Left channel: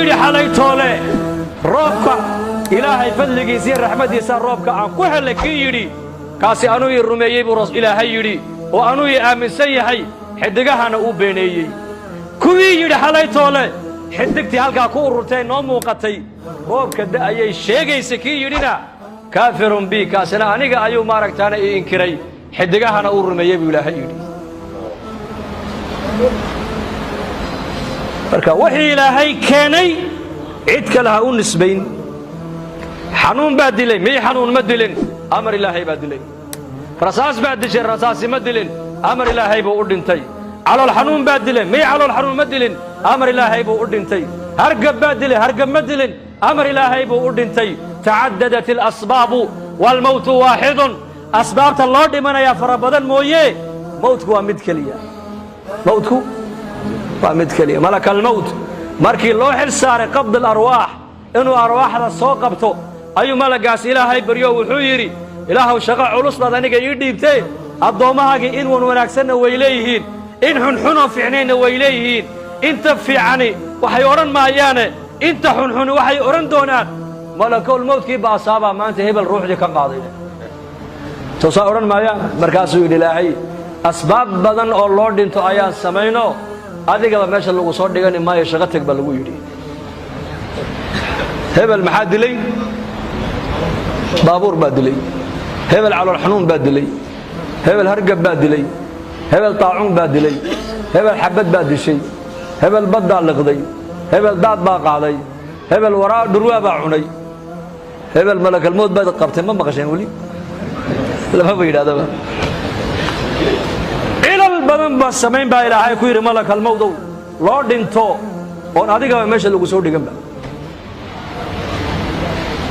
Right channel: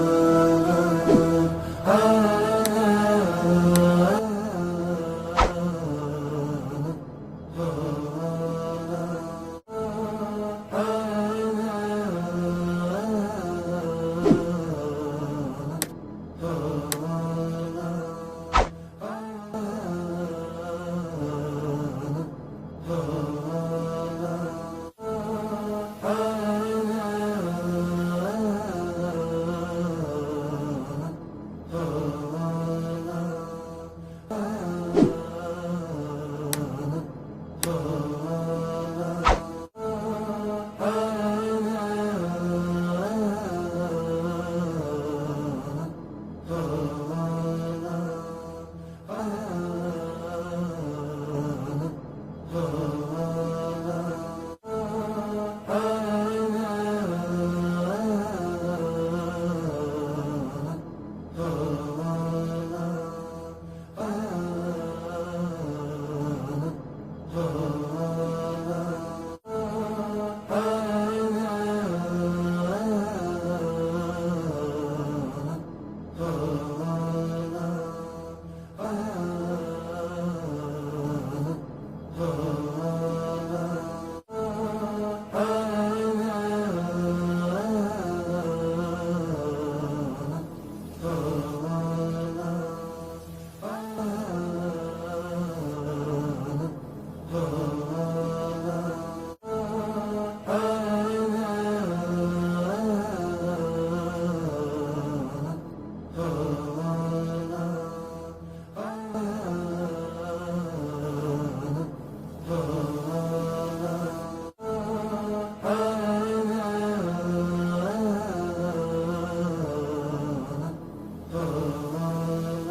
yidhi xalay toole roobka ilaahay fadligiisii raxmadiisa roobka aan ku helay kii yidhi kaasi anuu ii rumeeyey buu ilaahay yidhi oo anuu ii aaminsan yahay xidigahana uu beeneeyey kuwii yidhi xalay toole xidigtii halkaa ku ururtay noo muuqatay roobka da'ayay sheegaysa kii yidhina kaafirun bi kaasina aniga ayuu maaragtaana ii inkiray xidigahana uu rumeeyey buu ilaahay yidhi marka wixii ilaahay keenay cid kale ha u nisbayn xanuun baa dilay mii xanuun ma dilin amar ilaahay baa dilay rasaas baa dishay rasaasi ma dilin amar ilaahay buu u dhintay calool xanuun baa dilay mii calool xanuun ma dilin amar ilaahay buu u dhintay hargab baa dilay hargab ma dilin amar ilaahay buu u dhintay tacaddadat alasbaabu waalmawtu waaxidun asbaabta loo dhimanayaa fara badan mooye mawtku waa mid keliya mawtku waa mid keliya malaka almawt markii loo xil saaray qabd alarwaax inuu arwaaxda soo qabto ayuu malagaas ilaahay baryo wuxuu yidhi ilaahow shaqo culus baad aniga ii dhiibtee addoommahaagii in wan wanaagsanna way leeyihiin in xunxunoo fiicnaynna way leeyihiin inta fiicani waxay odhan maayaane inta xunxuni waxay odhan doonaan malakulmawtkii baasaabaa maanta hebel ruuxdii ka qaaday toosaa odhan maayaan markaasuu yidhi ilaahay asbaab badan oo loo dhinto ayaan samayno adigaba meesha lagu soo dhigani maayo shaqo teg baa lagu yidhi hebel maxaa dilay baabuur baa dilay hebel calool xanuun baa dilay hebel hargab baa dilay hebel taacuun baa dilay hebel xabad baa dishay hebel baddaa liqday hebel daad baa qaaday hebel waraa dhurwaa baa cunay hebel malakalmood baad qabtay ma maqasheen weli lamaba yidhahdaba cilal badan baa samayn baa ilaahay ku yidhi malakalmowdow loo dhinto oon adigaba meesha lagu soo dhiganba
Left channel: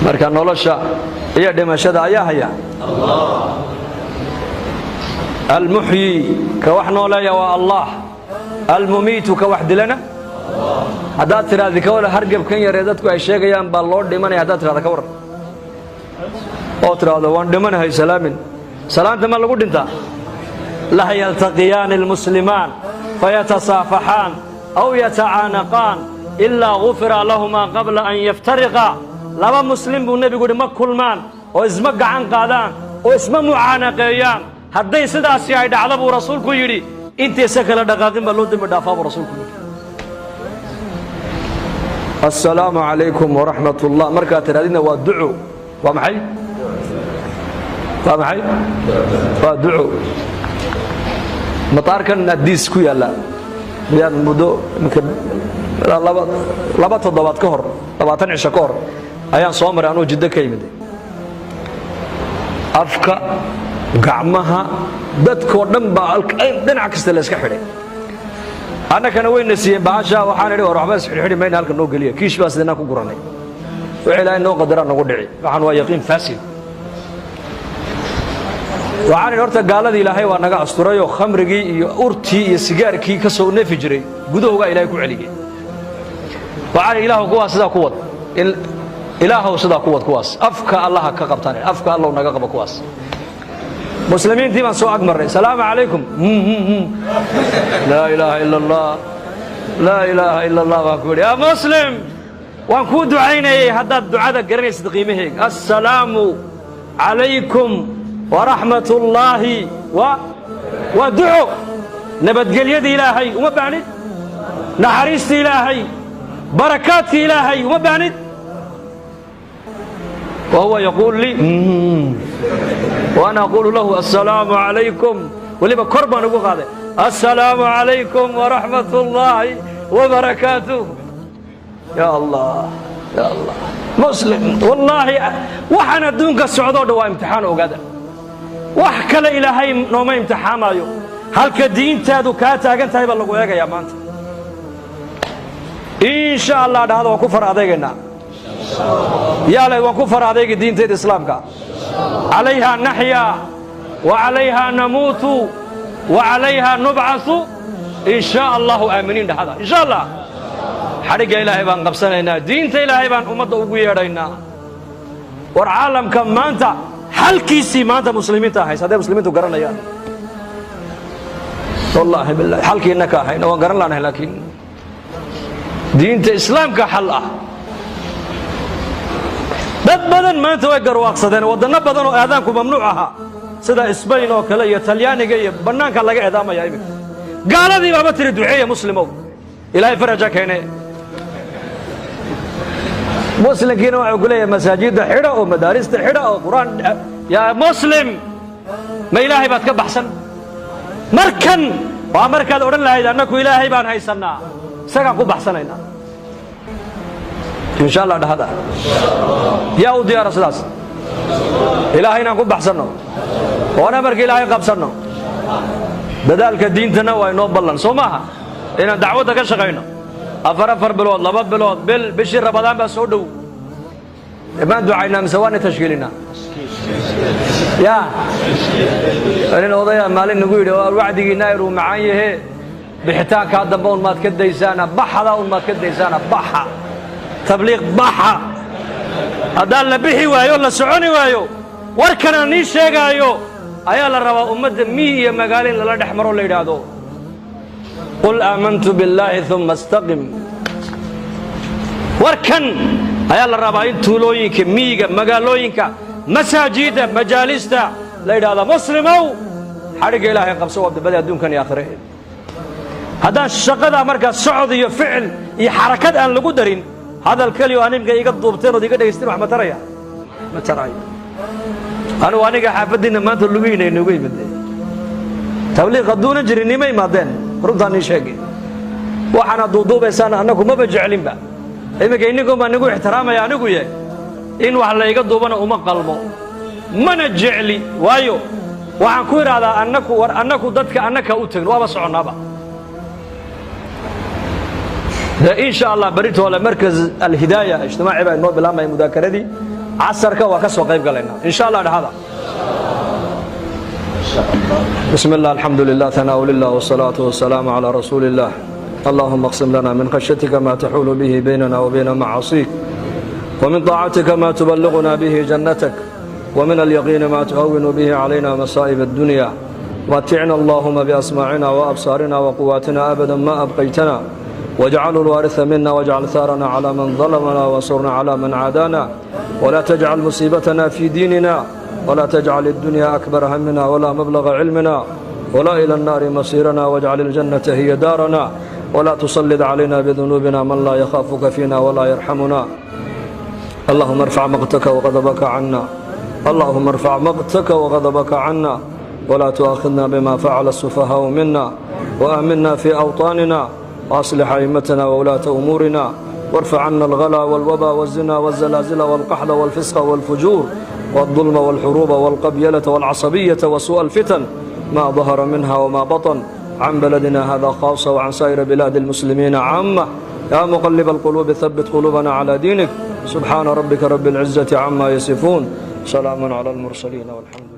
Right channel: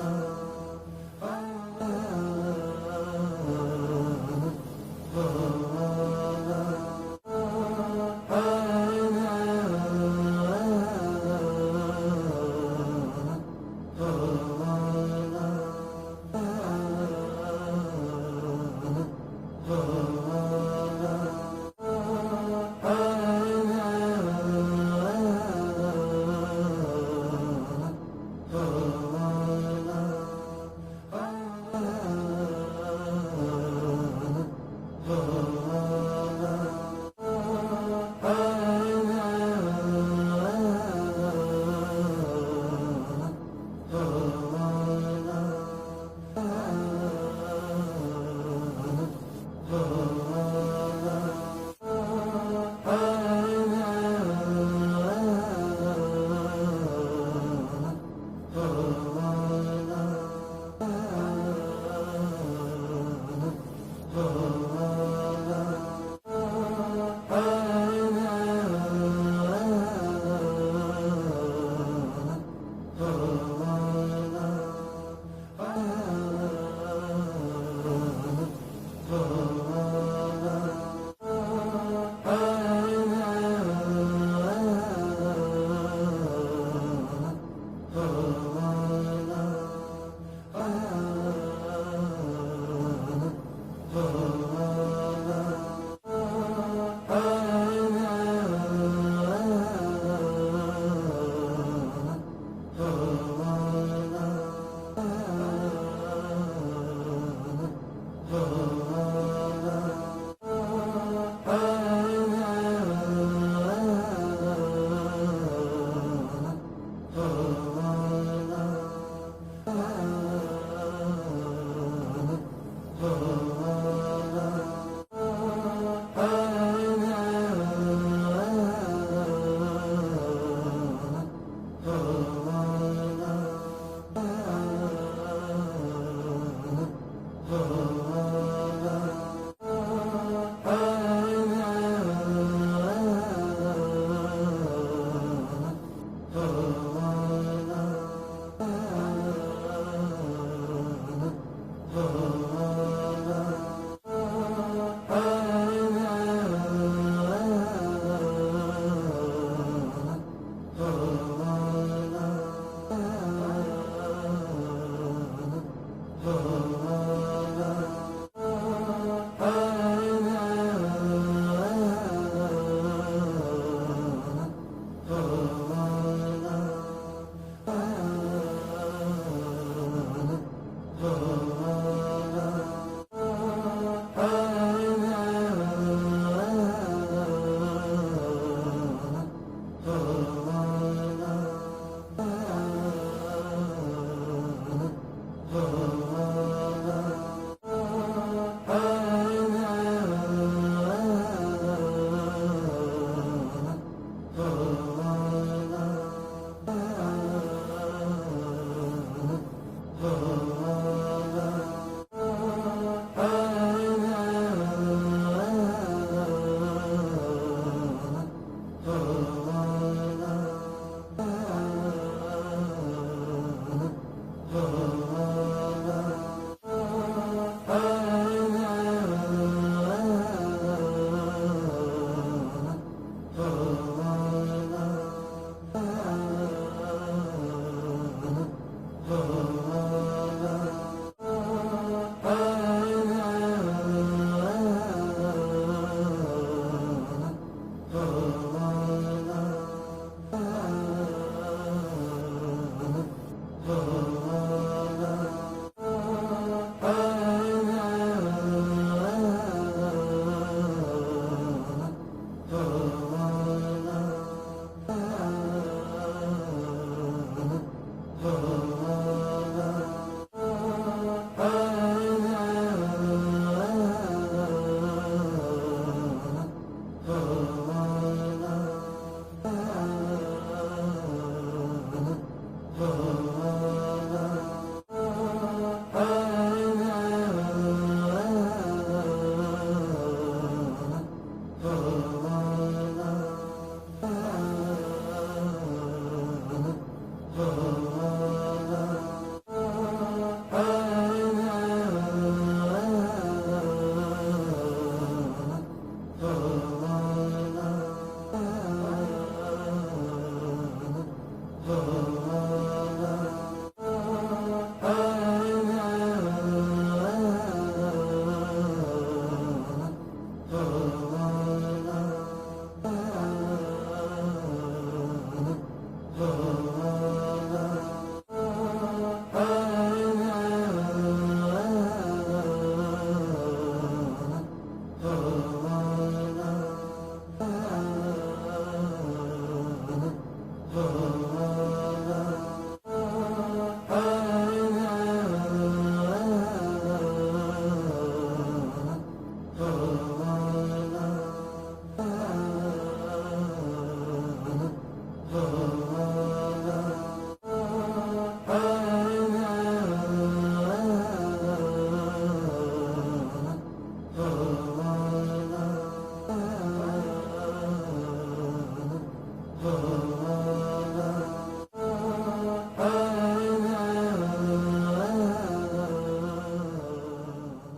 marka nolosha iyo dhimashada ayaa haya almuxyi ka wax nooleeya waa allah almumiitu ka wax dilana haddaad tiraahdi ka wala hargabkan yaree dadku ay sheegayaan baa loo dhimanaya haddaad tirahda ka waran oo tiraahdo waan dhimanahay salaamin salaanta ma lagu dhintaa la yaltaqiyaani almuslimaan fayatasaafaxaan aw yatacaanaqaan ilaa gufira lahumaa qabla an yaftariqa laba muslim buu nebigu yidhi ma kulmaan oo isma gacan qaadaan oo isma mucaanaqeeyaan hadday sidaasi ay dhacdo buu rasuulku yidhi intaysa kala dhaqaaqin baa loo dembi dhaafaa buu rasuulku yidhi assalaamu calaykum waraxmat ullah markaad tidhahdina waa duco waa maxay waa maxay waa duco mataarkan addiis ku yaalla miyaan muddo laba toddobaad ka hor 20 cisho ka hor ayaan soo maray anuu jiddo ka yimid afka gacmaha dadkoo dhan baa dhinac kasta la iska xidhay annagana wayna siiyeen baasha waxaan idhi war waxba isxidhxidhi mayna halka noo geliya kiish baa sideenaan ku gurannay wixii ilaahay noo qadaraa nagu dhici waxaan waa yaqiin faasid waxaan idhi horta gaaladii ilaahay waa naga asturayoo khamrigii iyo urtii iyo sigaarkii ka soo neefi jiray gudahoogaa ilaahay ku celiyey waxaan idhi ilaahu kuwaas sidaa ku wad ilaahow sidaa ku wad kuwaas afka allaha ka qabtaan afka allow naga qaba kuwaas muslimiintii baan soo ag marray salaamu calaykum laa ilaaha ila allah laa ilaaha ila allah baan ku yidhi yaa muslim waan kuu ducaynayay haddaad ducada garanaysid qiimaheega assalaamu calaykum waraxmat ullaahi waa duco nabadgelyada ilaahay uma baahnid naxariista ilaahay barakaadka ilaahay uma baahnid وهو يقول لي وأنا أقول له السلام عليكم ولما كربا نقول هذا السلام عليكم ورحمة الله وبركاته يا الله يا الله مسلم والله وحنا دونك السعودة دوا امتحان وقدر وحكى إلهي نوم امتحان أيو هل كدين تادو كاتا كنت هاي بالله وياك يا مانت إن شاء الله هذا وكفر هذا يا لي وكفر عليك دين الإسلام عليها نحيا وعليها نموت وعليها نبعث إن شاء الله آمنين هذا إن شاء الله حرق إلهي بان قبسنا دين إلهي بان أمد أبويرنا والعالم كم ما أنت هل كيسي ما أنت مسلمين تاحيس هذا مسلمين تقرنا يا والله بالله حل كي إنك حين وقرنا لنا لكن diinta islaamka xal ah dad badan maanta way garwaaqsadeen waddanno badan oo aadaanku mamnuuc ahaa sida Isbayn oo kale iyo Talyaaniga iyo bannaanka laga eedaamaya imika gaaladii baaba tiri duceeya muslimow ilaahay faraja keenay muslimkiina waxa uu leeyahay masaajidda xidha oo madaarista xidha oo quraan yaa muslim ma ilaahay baad ka baxsan markan waa markaad odhan lahayd annagu ilaahay baan haysanaa isagaan ku baxsanaynaa insha allah dhahada yaa u diyaara sidaas ilaahay inaan ku baxsanno oona marka ilaahay qabsanno dadaalka diintana waa inoo ballan soo maaha inaan dacwadda ka shaqayno afar bilood 2 bilood bishii Ramadaan baa soo dhow imaan ducaynaa mise waan tashkiilinaa yaa أنا وضيع مالين نقول وعدي ناير ومعايه بحتاج هذا بون ما تكديسانا بحة لا ما تكديسانا بحة تبليغ بحة هذا اللي بيحي وياه ولا سعوني وياه وركنا نيش يجايو أيال الروا أمد مية مقالين لا نحمر ولا يرادو قل آمنت بالله ثم استقم وركن أيال الروا إنتولوينك مية مقالوينك مساجد مجالس لا يراد مسلمو حرق إلهي قبسوا بدأ دون كان يأخره هذا الشقة مركز سعودي فعل يحركات أن لقدرين هذا الكلي وأنا مجا يقطب تيرو دي كده يستمع ما ترى أنا وأنا حافظين ما تلوين إنه جاي بدي تبليغ قدون جريني ما يمادين رداني شيء وحنا ضدو بس أنكم ما بجعلين بقى إما كأنكم أنكم احترام يا أنكم يه إن وحلا يقطبنا وما قلبه ما نجعلي وايو وعن كور على أنكم ضدك أنك أوتين وابس عنابا إن شاء الله بريت ولا مركز الهداية اجتماعي بين نوب الأمة المذاكرة دي عصرك وكسو قيب قلنا إن شاء الله هذا بسم الله الحمد لله ثناء لله والصلاة والسلام على رسول الله اللهم اقسم لنا من خشيتك ما تحول به بيننا وبين معاصيك ومن طاعتك ما تبلغنا به جنتك ومن اليقين ما تهون به علينا مصائب الدنيا متعنا اللهم بأسماعنا وأبصارنا وقواتنا أبدا ما أبقيتنا واجعل الوارث منا واجعل ثارنا على من ظلمنا وانصرنا على من عادانا ولا تجعل مصيبتنا في ديننا ولا تجعل الدنيا أكبر همنا ولا مبلغ علمنا ولا إلى النار مصيرنا واجعل الجنة هي دارنا ولا تسلط علينا بذنوبنا من لا يخافك فينا ولا يرحمنا اللهم ارفع مقتك وغضبك عنا اللهم ارفع مقتك وغضبك عنا ولا تؤاخذنا بما فعل السفهاء منا وآمنا في أوطاننا وأصلح أئمتنا وولاة أمورنا وارفع عنا الغلا والوبا والزنا والزلازل والقحل والفسق والفجور والظلم والحروب والقبيلة والعصبية وسوء الفتن ما ظهر منها وما بطن عن بلدنا هذا خاصة وعن سائر بلاد المسلمين عامة يا مقلب القلوب ثبت قلوبنا على دينك سبحان ربك رب العزة عما يصفون سلام على المرسلين والحمد